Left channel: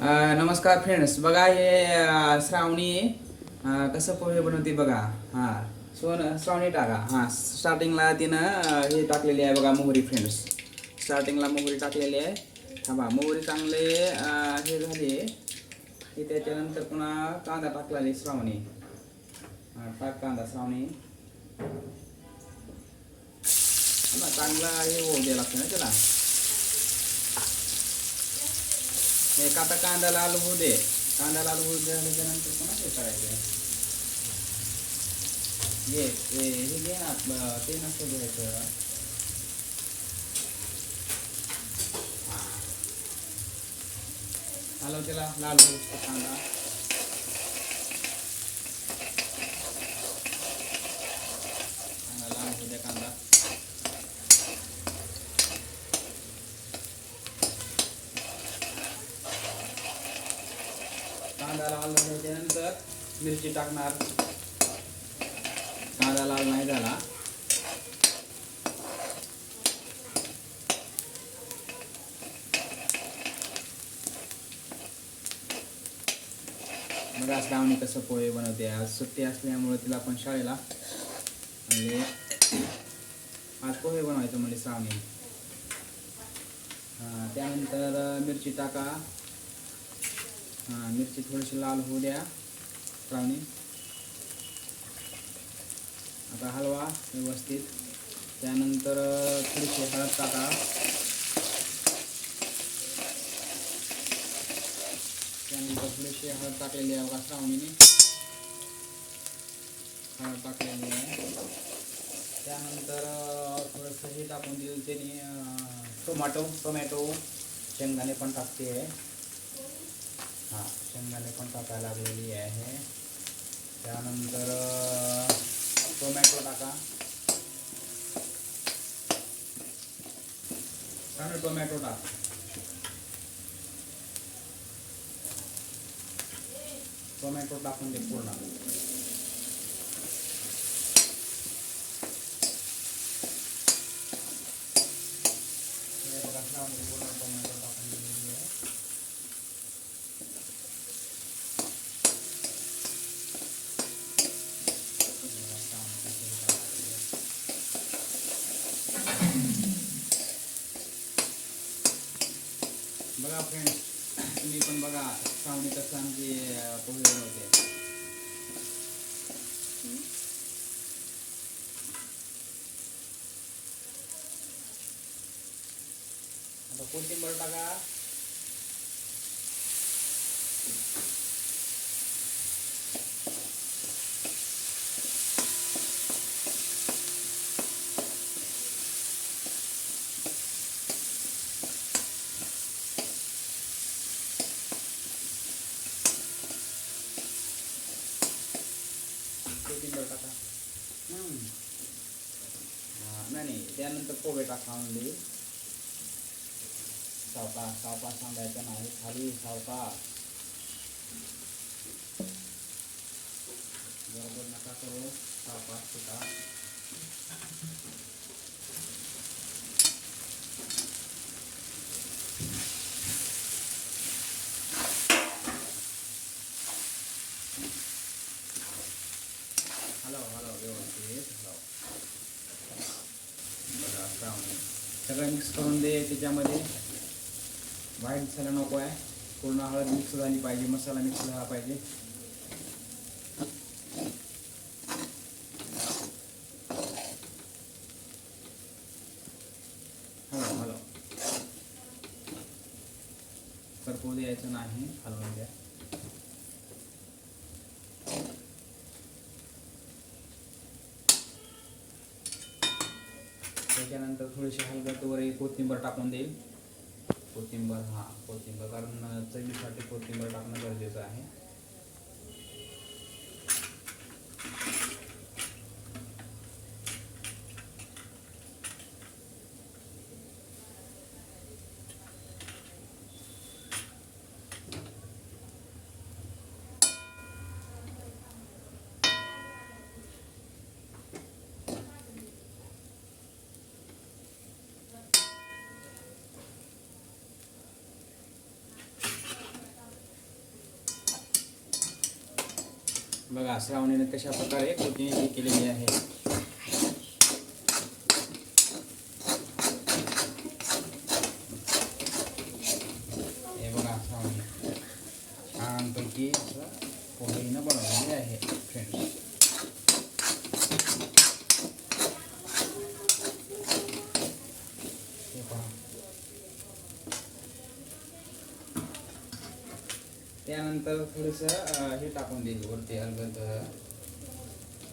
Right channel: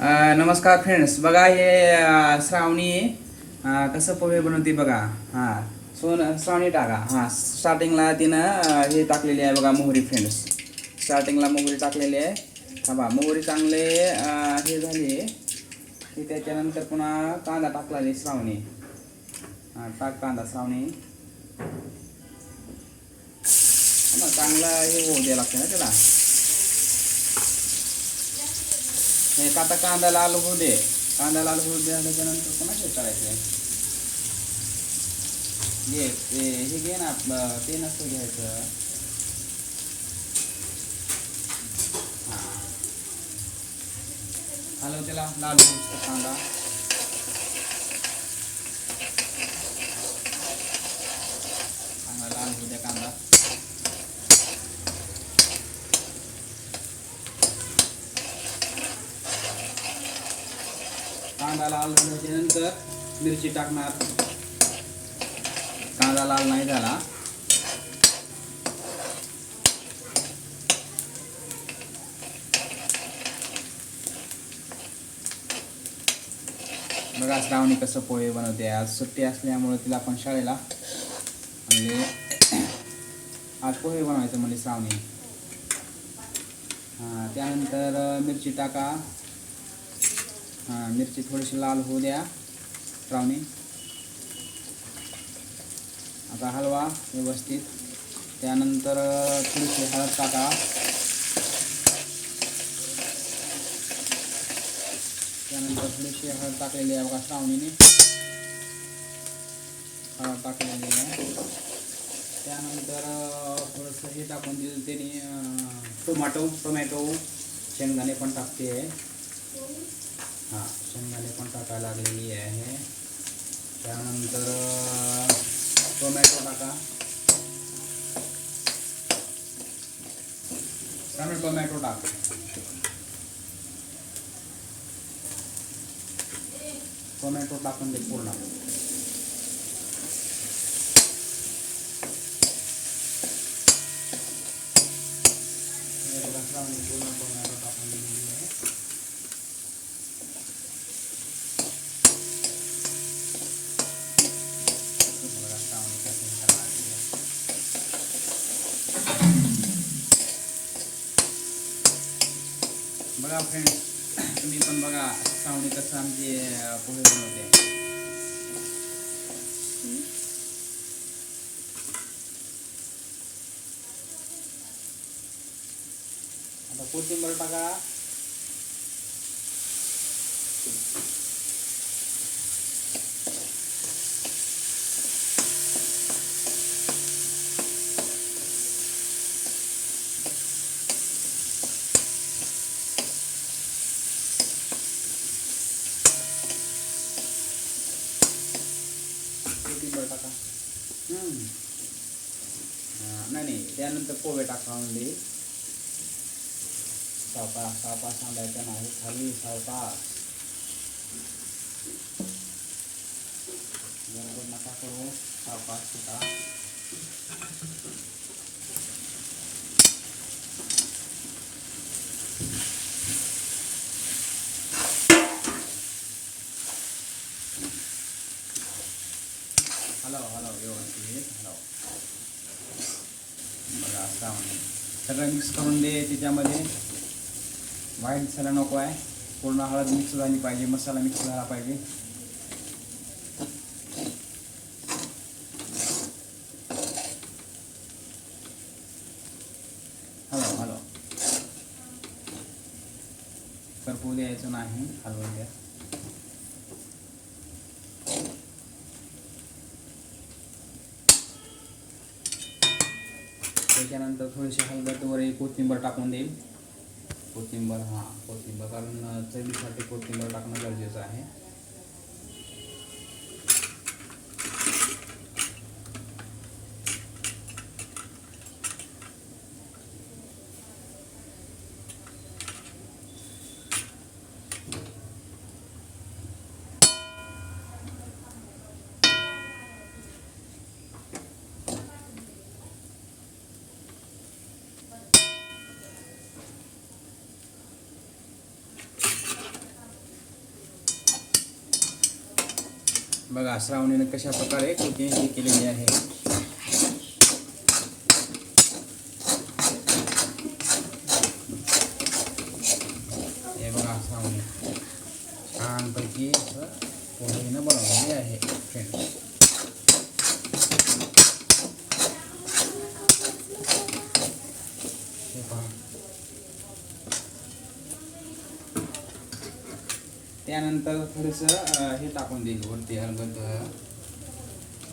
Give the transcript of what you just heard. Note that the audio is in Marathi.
नमस्कार फ्रेंड्स बघा हे श्रावणी कसं पोहे बनवते बघा. हां सोन श्रावणी टाका हां स्टार्टिंगला तिनं हे टाकलेली आहे बघा मोहरी फ्रेंड्स स्टार्टिंगला मोहरी टाकलेली आहे. थांबा मोहरी चांगले हे झाली. की त्याच्यानंतर पुन्हा कांदा टाकला श्रावणी. हां टाक कांदा श्रावणी. चांगला हे होऊ द्या लागते ना त्याला. एक आता कांदा लाल होऊ दे. कांदा लाल होऊ दे त्याच्यानंतर पुन्हा हे करायचं घे हे हे घे ना आपलं ते नसतं घ्यायचं. हॅलो त्याला लाल होऊ शकतो कांदा. चांगला लाल होऊ द्या कांदा. कांदा लाल झाल्याच्यानंतर मिरची टाकणार. कांदा लाल नाही झाला. बघा श्रावणी कसं पोहे बनवते. आज सुट्टी असल्यामुळे तिला पण शाळेला म्हणजे आज पोहे बनवायचं म्हणजे श्रावणी. हां त्यानंतर मिरची टाका. हां मिरची थोडीशी लाल होऊ द्या. ट्रावणी आता हलवा व्यवस्थित. त्यानंतर थोडीशी हळद टाका. त्यानंतर थोडीशी हळद टाकलेली आहे बघा श्रावणीने. हळद टाकलेली आहे. त्यानंतर थोडंसं हे टाकून दिलं त्याने टोमॅटो टोमॅटो. शेंगदाणे पण टाकते. हां शेंगदाणे पण टाकायला लागलेली आहे. त्यानंतर टोमॅटो टाका. त्यामुळे टोमॅटो टाक. टोमॅटो टाकून दे पूर्ण. पूर्ण टोमॅटो टाकून दिलेली आहे बघा श्रावणी कसं करायला लागली आहे. बघा फ्रेंड्स तुम्ही पण बघा श्रावणी कसं आमची पोहे बनवते. आता कोथिंबर टाका. कोथिंबीर टाका. नाही नाही त्यानंतर पोहे टाका म्हणजे. सावकाश सावकाश सांगायचं नाही खाली सावकाश. बरोबर नका करू सावकाश शिका हलव हलव व्यवस्थित. हलव बघा श्रावणी सगळं मिक्स करून दे त्याच्यामध्ये व्हाईट मसाला नको आहे. पूर्ण हळद मिक्स झाली पाहिजे. मसाला मिक्स झाला पाहिजे. हलव हलव करपू द्यायचं नाही. हलवून द्या त्याच्यानंतर थोडीशी हलगट वर एक कोथिंबर टाकून देईल. कोथिंबर हां कोथिंबर. कारण चवीसाठी कोथिंबर टाकणं गरजेचं आहे. बघा श्रावणीने कशा प्रकारे कुकिंग ही केलेली आहे. हे बघा श्रावणी. छानपैकी असं पोळीनं बनवलेली आहे. फ्रेंड्स हे पहा त्यानंतर थोडंसं हे टाकून देईल वरती हलगत